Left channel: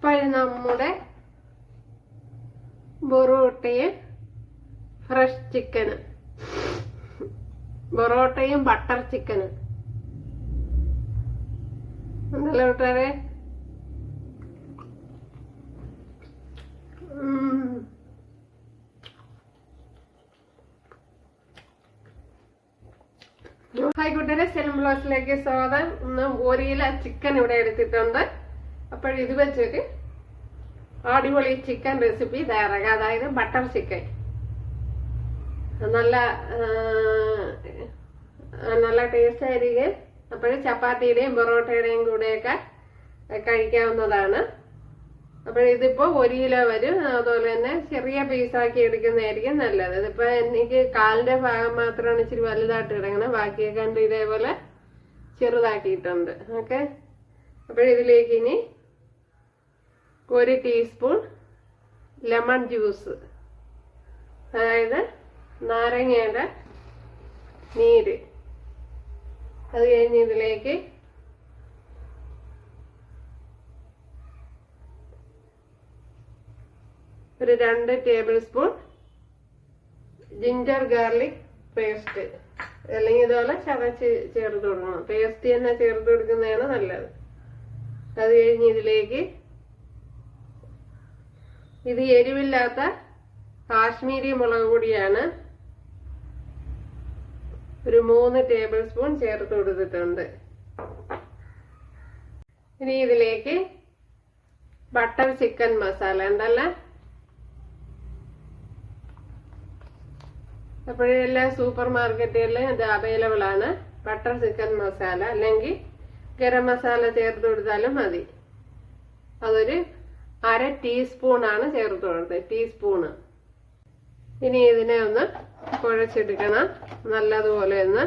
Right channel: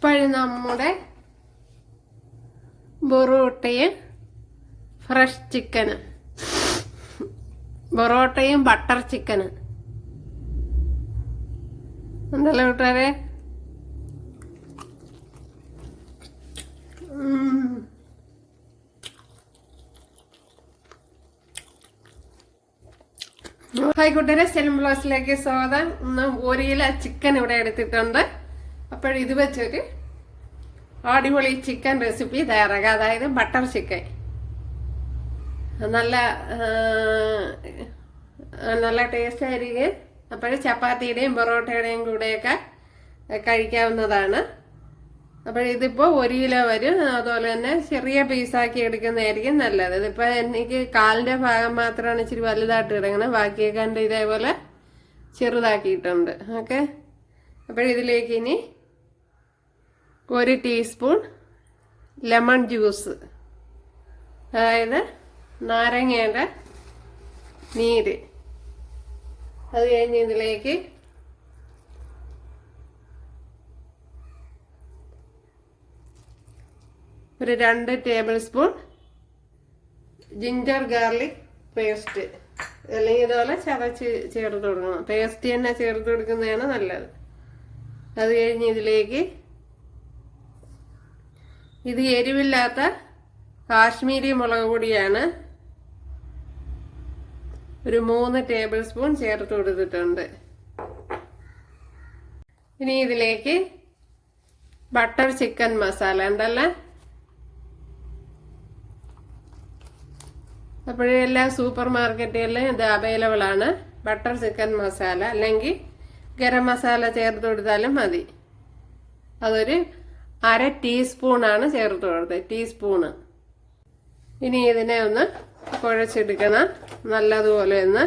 ഇപ്പോഴും നമ്മുടെ ബൊറോട്ടയും ഫ്രഷ് ചിക്കന് ബൊറോട്ടയും ബട്ടർ ചിക്കന് എന്തല്ലേ കൂട്ടുകാരെ. ഹായ് കൂട്ടുകാരെ സ്ഥലം ബ്ലോസിലേക്ക് സ്വാഗതം. ഇന്ന് ഒരു കിലോ ചിക്കൻ ഇവിടെ എടുത്തിട്ടുണ്ട്. അപ്പോൾ ഇത് വെച്ചൊരു അടിപൊളി ചിക്കൻ റെസിപ്പി തയ്യാറാക്കുക. അതായത് ബട്ടർ ചിക്കൻ നല്ല നല്ല ടേസ്റ്റ് ആയിരിക്കും. അപ്പോൾ ചപ്പാത്തിയുടെയും പൊറോട്ടയുടെയും കൂടെയൊക്കെ കഴിക്കാവുന്നതാണ്. അപ്പോൾ ഇതിപ്പോൾ ഒരു കിലോ വരും. അതുപോലെ തന്നെ ചെറിയ പീസാക്കി എടുക്കുന്നതായിരിക്കും നല്ലത്. ഇതിപ്പോൾ എനിക്ക് കാലിന്റെ ഭാഗം മാത്രമാണ് ഇച്ചിരി വലുതായിട്ട് കിടക്കുന്നത് ബാക്കിയൊക്കെ കണ്ട് ഇതേപോലെ ചെറുതാക്കിയിട്ടുണ്ട്. ഓക്കെ? അപ്പോൾ ഇതിലേക്ക് ഇനി ഒരു ടീസ്പൂൺ ലെമൺ ജ്യൂസ് അതായത് നാരങ്ങയുടെ നീര്. അത് കഴിഞ്ഞ് ഇതിലേക്ക് ഒരു രണ്ട് tablespoon ginger garlic paste അല്ലെങ്കിൽ ഇതുപോലെ ചതച്ച് ചേർത്ത് കൊടുക്കണം. പേസ്റ്റ് തന്നെ ചേർത്ത് കൊടുക്കുന്നതാണ് നല്ലത്. അത് കഴിഞ്ഞ് ഇതിലേക്ക് ഇത് എരിവില്ലാത്ത കാശ്മീരി മുളക് പൊടിയാണ്. ഒരു മൂന്ന് ടേബിൾ സ്പൂൺ ചേർത്ത് കൊടുത്തിട്ടുണ്ട്. ഇനി ഇതിലേക്ക് ബട്ടർ ചിക്കൻ മസാല ഉണ്ടല്ലേ. അപ്പോഴേ എല്ലാ സൂപ്പർ മാർക്കറ്റുകളിലും ഇത് അവൈലബിൾ ആണ്. ബട്ടർ ചിക്കൻ മസാല അല്ലെങ്കിൽ ഗരം മസാല ചേർത്ത് കൊടുത്താലും മതി. അതൊരു അര ടീസ്പൂണാണ് ചേർത്ത് കൊടുത്തത് ടീസ്പൂണ്. ഇനി ഇതിനെ ഒന്ന് കുഴച്ചെടുക്കണം. നല്ലതുപോലെ ഒന്ന്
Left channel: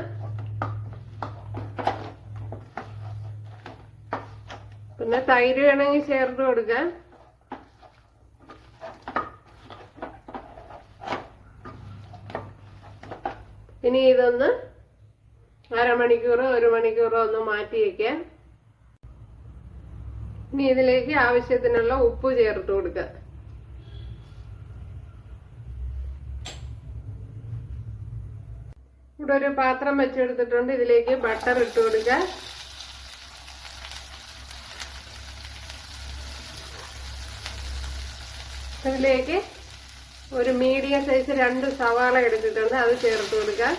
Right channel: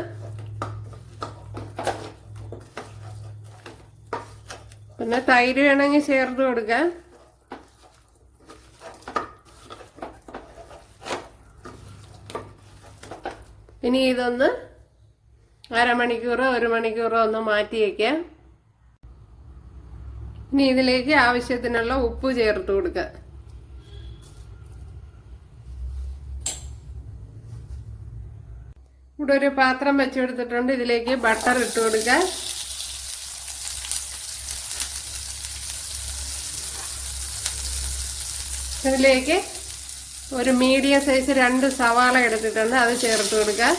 പിന്നെ തൈര് വേണമെങ്കിൽ ചേർത്ത് കൊടുക്കാം. ഇനി ഇതൊന്ന് അരമണിക്കൂറോ ഒരു മണിക്കൂറോ ഒന്ന് മാറ്റി വയ്ക്കാം ഇനി ഇതിലേക്ക് ആവശ്യത്തിനുള്ള ഉപ്പ് ചേർത്ത് കൊടുക്കുക. ഇവിടെ ഒരു പാത്രം വെച്ചെടുത്തിട്ടുണ്ട്. ഇതിലേക്ക് ബട്ടർ ഇട്ട് കൊടുക്കുക. ഇതിലേക്ക് ഒരു മീഡിയം സൈസ് രണ്ട് സവാള എടുത്തിട്ടുണ്ട്. അത് ചേർത്ത് കൊടുക്കുക.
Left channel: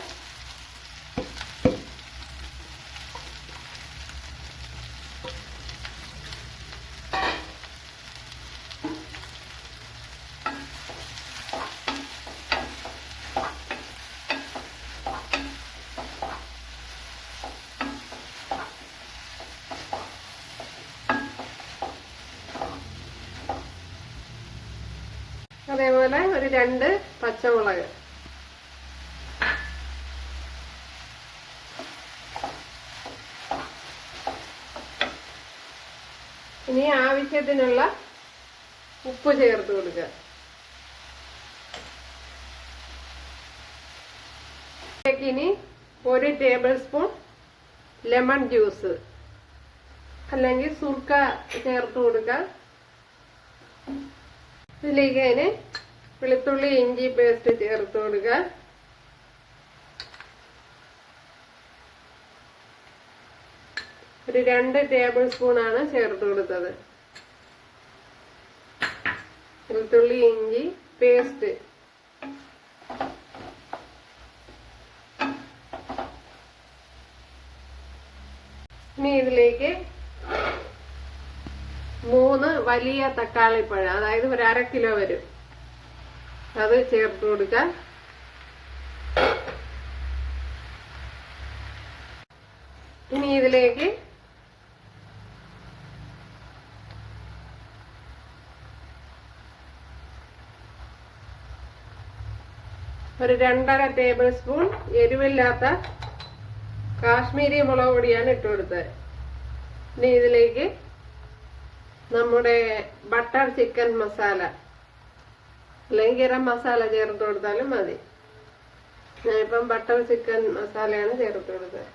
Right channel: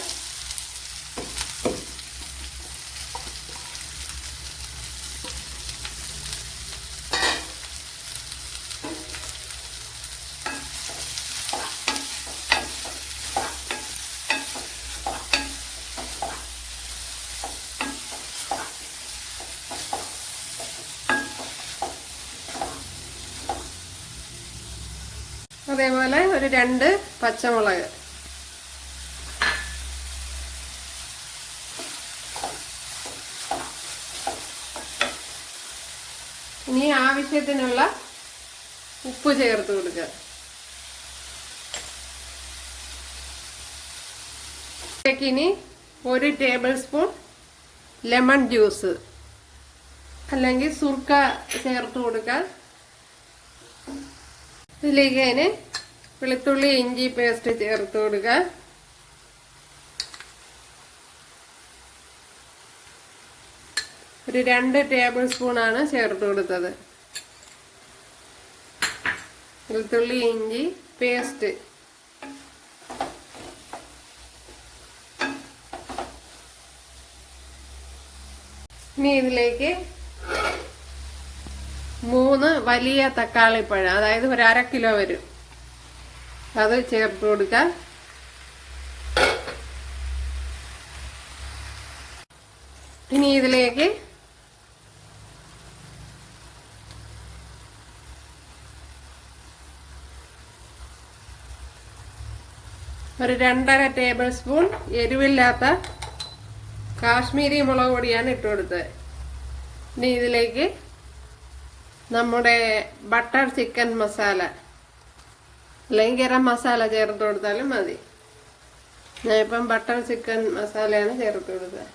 അതേപോലെ ഒരു രണ്ട് പച്ചമുളക്. ഇനി ആവശ്യത്തിനുള്ള ഉപ്പ് ചേർത്ത് കൊടുക്കുക. ഇനി ഒരു ടേബിൾ സ്പൂൺ ലെമൺ ജ്യൂസ്. അല്ലെങ്കിൽ സുർക്ക ചേർത്ത് കൊടുക്കുക ഇതിലേക്ക് അതിന് വെളുത്തുള്ളി ഇഞ്ചി പേസ്റ്റ് ചേർത്ത് കൊടുക്കുക ഒരു രണ്ട് ടേബിൾ സ്പൂണാണ് ചേർത്ത് കൊടുത്തത്. വെളുത്തുള്ളി ഇഞ്ചി പേസ്റ്റ്. ഇനി ഇതിലേക്ക് വലിയ തക്കാളിപ്പഴം അതായത് ഒരു അര കിലോ വരും. അത് ചേർത്ത് കൊടുക്കാം. ഇനി ഇതിലേക്ക് ഒരു രണ്ടര ടേബിൾ സ്പൂൺ എരിവില്ലാത്ത കാശ്മീരി മുളക് പൊടിയാണ് ഇട്ട് കൊടുത്തത്. ഇനി ഇതിലേക്ക് നമ്മുടെ ബട്ടർ ചിക്കൻ മസാല അല്ലെങ്കിൽ ഗരം മസാല ചേർത്ത് കൊടുത്താലും മതി. ഞാനിപ്പം ബട്ടർ ചിക്കൻ മസാലയാണ് ചേർത്ത് കൊടുത്തത്.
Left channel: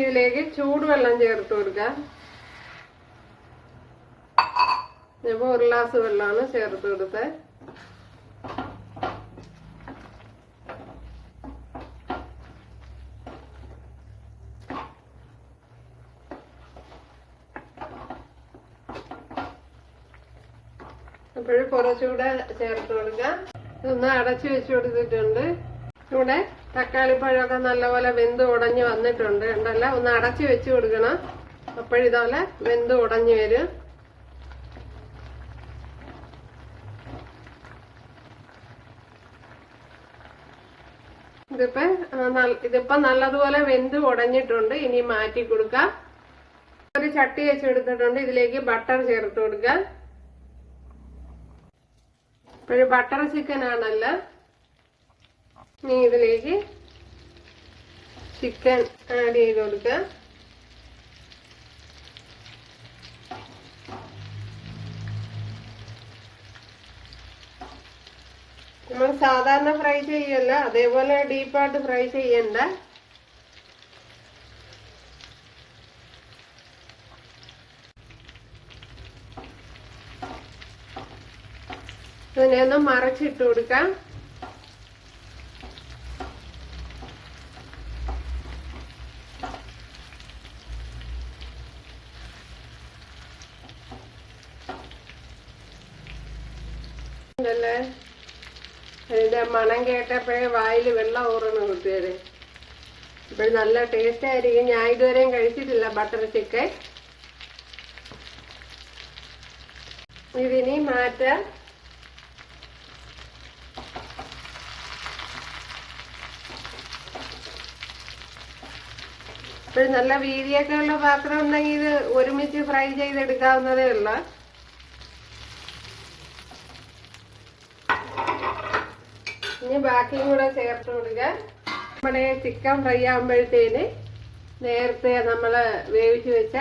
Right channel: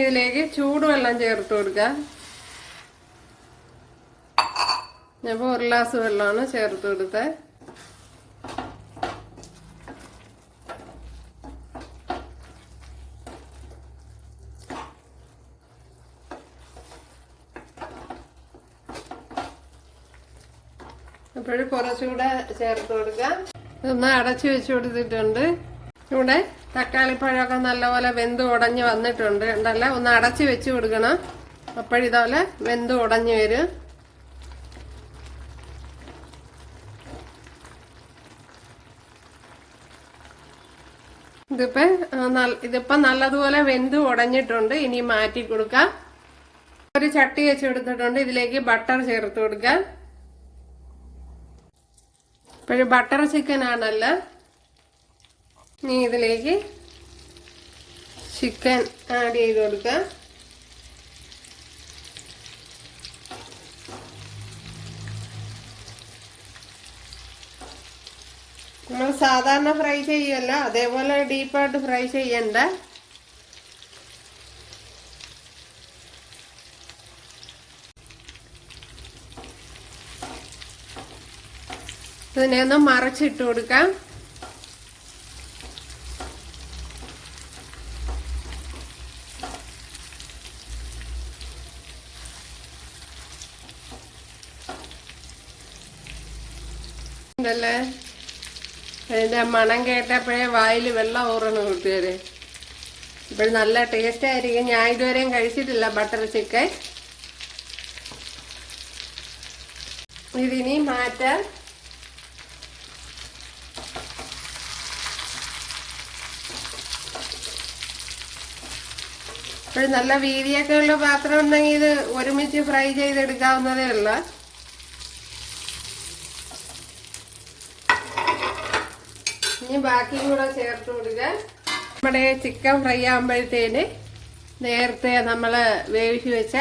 ഇതിലേക്ക് ചൂടുവെള്ളം ചേർത്ത് കൊടുക്കുക ഞാനിപ്പോൾ ഒരു ഗ്ലാസ് വെള്ളമാണ് ചേർത്ത് കൊടുത്തത് അപ്പോഴും കുറച്ചുകൂടെ ചേർത്ത് കൊടുക്കാം. ഒന്ന് അടച്ചു വെച്ച് കൊടുത്തിട്ടുണ്ട്. ഇവിടെ തക്കാളിപ്പഴമൊക്കെ നല്ലപോലെ വെന്ത് ഉടഞ്ഞു വന്നിട്ടുണ്ട്. ഉണ്ടല്ല ഒന്ന് അടച്ചു വെച്ച് കൊടുക്കണം. അപ്പോഴിതുപോലെ വെന്ത് ഉടഞ്ഞു വരും. ഇതിപ്പോ ഇതിപ്പോ നല്ലതുപോലെ വെന്ത് ഉടഞ്ഞിട്ടുണ്ട്. ഇനി മാറ്റി കൊടുക്കാം. ഒരു ചട്ടി വെച്ച് കൊടുത്തിട്ടുണ്ട്. ഇതിലേക്ക് ബട്ടർ ചേർത്ത് കൊടുക്കാം. ഇപ്പോഴും ബട്ടർ ചിക്കൻ ആണല്ലോ. ഇനി ഇതിലേക്ക് ചിക്കൻ ആഡ് ചെയ്ത് കൊടുക്കുക നമ്മൾ സാധാരണ ഫ്രൈ ചെയ്യല്ല അതേപോലെ ഡീപ്പായിട്ട് ഫ്രൈ ചെയ്യണ്ട. ഇതിനെ ഒന്ന് മറച്ചിട്ട് കൊടുക്കാം. ഇതല്ലേ അതിന്റെ മണം കേട്ടപ്പോഴേ വായിൽ വെള്ളം ഊറണം കൂട്ടുകാര്. ഇപ്പോഴും നല്ല ടേസ്റ്റ് ആയിരിക്കും. ഞാൻ ഇതുവരെയും കഴിച്ചിട്ടില്ല ബട്ടർ ചിക്കൻ ഇതിനി മാറ്റാം. ഇപ്പോഴും നല്ല വീതിയൊക്കെ ഉള്ള പാത്രം ഉണ്ടെങ്കിൽ ഇത് ഒരുമിച്ച് ഫ്രൈ ചെയ്തെടുക്കാവുന്നതേ ഉള്ളൂ. ഇനി ബാക്കി കൂടെ ചേർത്ത് കൊടുക്കുക. നമ്മുടെ ചിക്കൻ ഫ്രൈ ആകുമ്പോഴത്തേന് നേരത്തെ നമ്മൾ വേവിച്ച് വെച്ച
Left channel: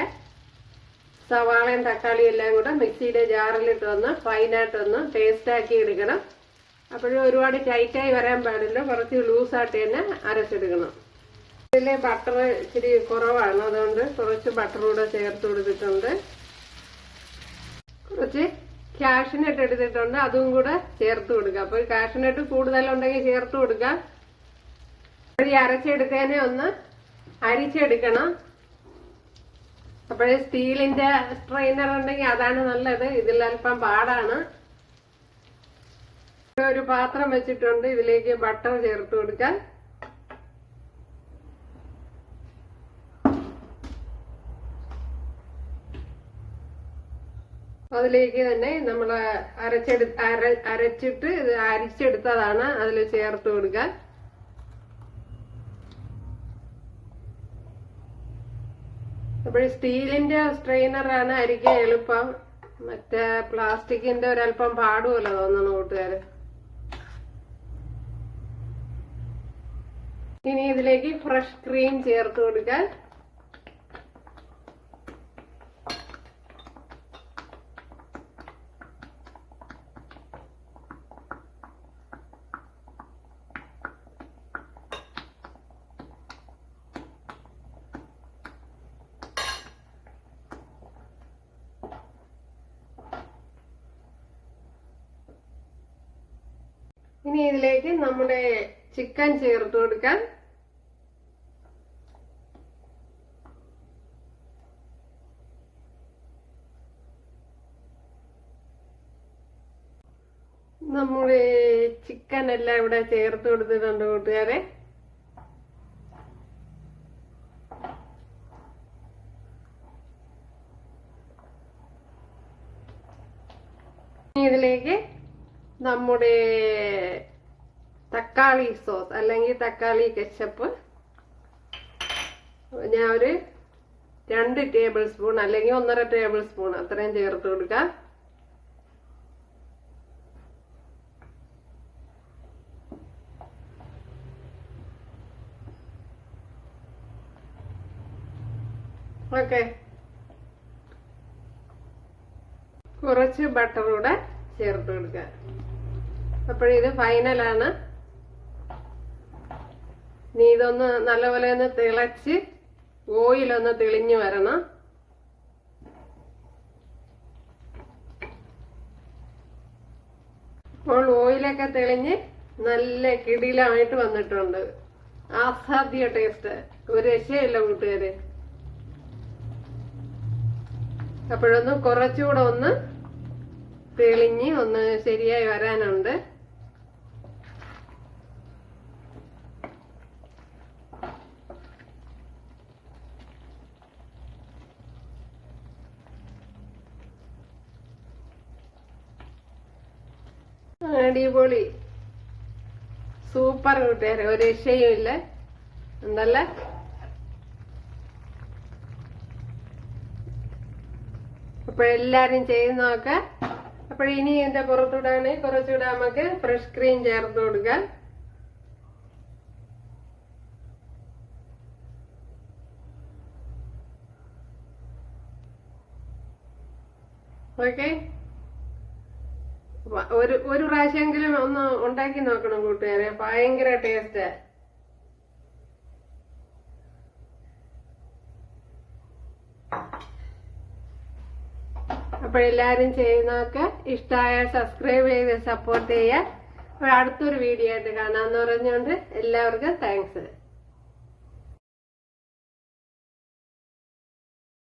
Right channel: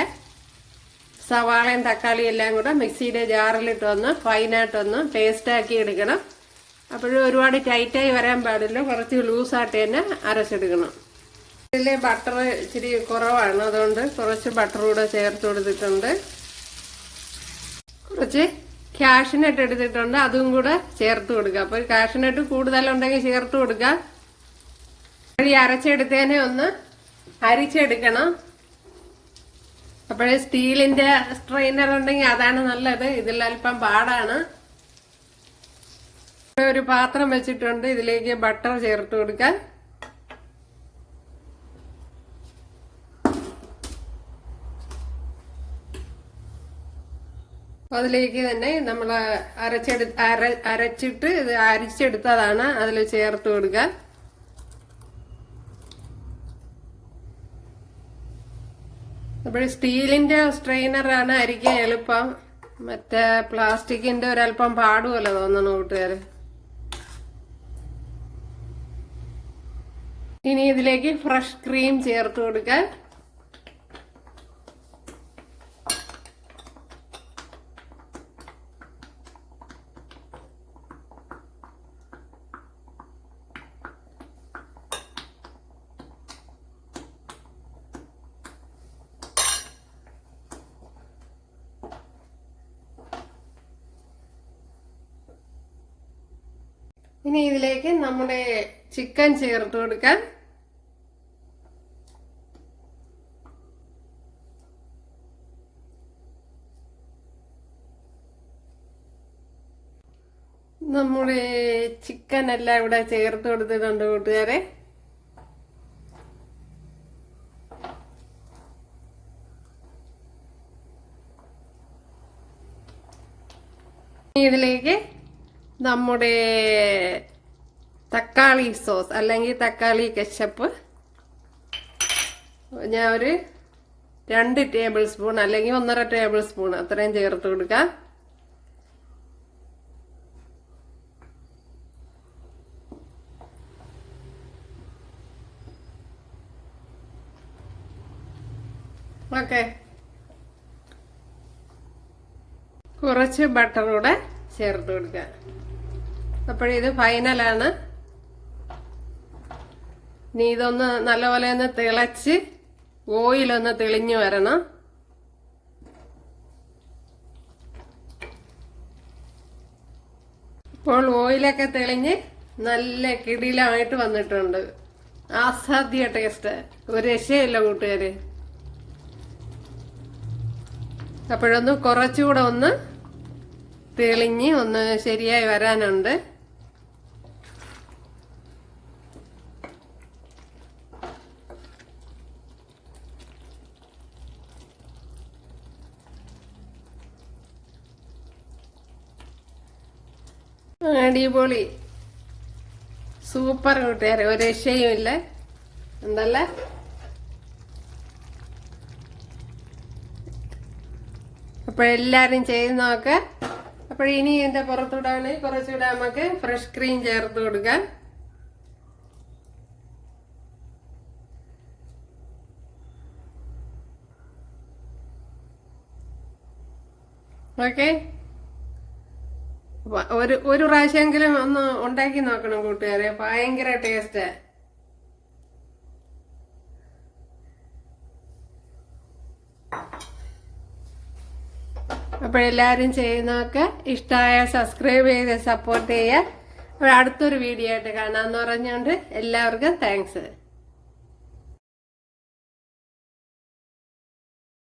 സവാളയും തക്കാളിയും എല്ലാം കൂടെ മിക്സിയുടെ ജാറിലിട്ടൊന്ന് ഫൈനായിട്ടൊന്ന് പേസ്റ്റാക്കി എടുക്കണം. അപ്പോഴും ഒരുപാട് ടൈറ്റായി വരാൻ പാടില്ല. കുറച്ച് ലൂസായിട്ട് തന്നെ അരച്ചെടുക്കണം. ഇതിൽ ബട്ടർ ഇച്ചിരി കുറവാണ്. അതുകൊണ്ട് കുറച്ച് ബട്ടർ കൂടെ ചേർത്ത് കൊടുത്തിട്ടുണ്ട്. കുറച്ച് കാഷ്നട്ട് എടുത്തിട്ടുണ്ട്. അതും കൂടെ ചേർത്ത് കൊടുക്കുക. അപ്പോൾ കാഷ്നട്ട് കൂടുതലുണ്ടെങ്കിൽ ചേർത്ത് കൊടുക്കുക. ഈ അരച്ചെടുത്തതിനെ ഒന്ന് അരിച്ചെടുക്കണം. അപ്പോഴേ സ്റ്റീലിന്റെ സ്ട്രെയിനർ ഉണ്ടെങ്കിൽ അതാണ് നല്ലത്. ഇതിൽ അല്പം പാടാണ്. ഒരു പാത്രം വെച്ചിട്ടുണ്ട്. ഇതിലേക്ക് ബട്ടർ ചേർത്ത് കൊടുക്കാം അതിലേക്ക് തന്നെ നമ്മൾ അരച്ചെടു അര അരച്ചിട്ട് ഇത് അരിച്ചെടുത്തതാണ് അതിൽ ചേർത്ത് കൊടുക്കാൻ. അപ്പോൾ സ്റ്റീലിന്റെ സ്ട്രെയിനറാണ് അരിക്കാൻ എളുപ്പം. മറ്റേ പ്ലാസ്റ്റിക്കിന്റെ ഒരല്പം പാടുമല്ലോ തോന്നുന്നു കൂട്ടുകാർ ഇനി ഇതിലേക്ക് ഫ്രഷ് ക്രീം ചേർത്ത് കൊടുക്കാൻ. ഇനി ഇതിലേക്ക് നമ്മുടെ ചിക്കൻ ചേർത്ത് കൊടുക്കാൻ നമ്മുടെ ചിക്കൻ എല്ലാം ഇവിടെ ചേർത്ത് കൊടുത്തിട്ടുണ്ട് കൂട്ടുകാരെ? ഇതിലേക്ക് നമ്മുടെ തക്കാളി സോസ് അല്ലെങ്കിൽ തക്കാളി കെച്ചപ്പ്. ഞാൻ ഒരു രണ്ട് ടേബിൾ സ്പൂൺ അല്ലെങ്കിൽ ഒന്നര ടേബിൾ സ്പൂൺ അത്രയും ചേർത്ത് കൊടുക്കാം. ഓക്കെ. കുറച്ച് ബട്ടറൂടെ ചേർത്ത് കൊടുക്കുക അപ്പോഴിത് ഫൈനലാണ് ഇനി ഇതൊന്ന് നല്ലപോലെ ഒന്ന് തിളച്ച് ഓയിലൊന്ന് തെളിഞ്ഞു വരണം. ഇപ്പോൾ ഓയിലൊക്കെ തെളിഞ്ഞ് നല്ല കിടിലമായിട്ട് വന്നിട്ടുണ്ട്. അസാധ്യ ടേസ്റ്റ് ഒരു രക്ഷയല്ല കൂട്ടുകാര്. അപ്പോഴൊന്ന് കുറച്ചുകൂടെ ഒന്ന് തെളിഞ്ഞ് ഒന്ന് ശരിയായി വരാനുണ്ട്. അടിപൊളി. സൂപ്പർ കൂട്ടുകാരെ ഒരു രക്ഷയും ഇല്ല ഉണ്ടല്ലേ അപ്പോഴെല്ലാവരും ചെയ്ത് നോക്ക. അപ്പോൾ ഇനി ഇതിന്റെ പുറത്തുവിടാണ്. കുറച്ചുകൂടെ നമുക്ക് ഫ്രഷ് ക്രീം ചേർത്ത് കൊടുക്കാം. ഓക്കെ ഒരു ഒരു പ്രാവശ്യമെങ്കിലും ഒന്ന് ഉണ്ടാക്കി നോക്കണം കൂട്ടുകാരെ. ഭയങ്കര ടേസ്റ്റ് അപ്പോഴെല്ലാവരും ചെയ്യുന്നതൊക്കെ ഇഷ്ടമായ സബ്സ്ക്രൈബ് ചെയ്ത് സപ്പോർട്ട് ചെയ്യുക. അടുത്തൊരു വീഡിയോ ആയിട്ട് കാണാമെന്ന് പറഞ്ഞുകൊണ്ട് എല്ലാവർക്കും താങ്ക്സ്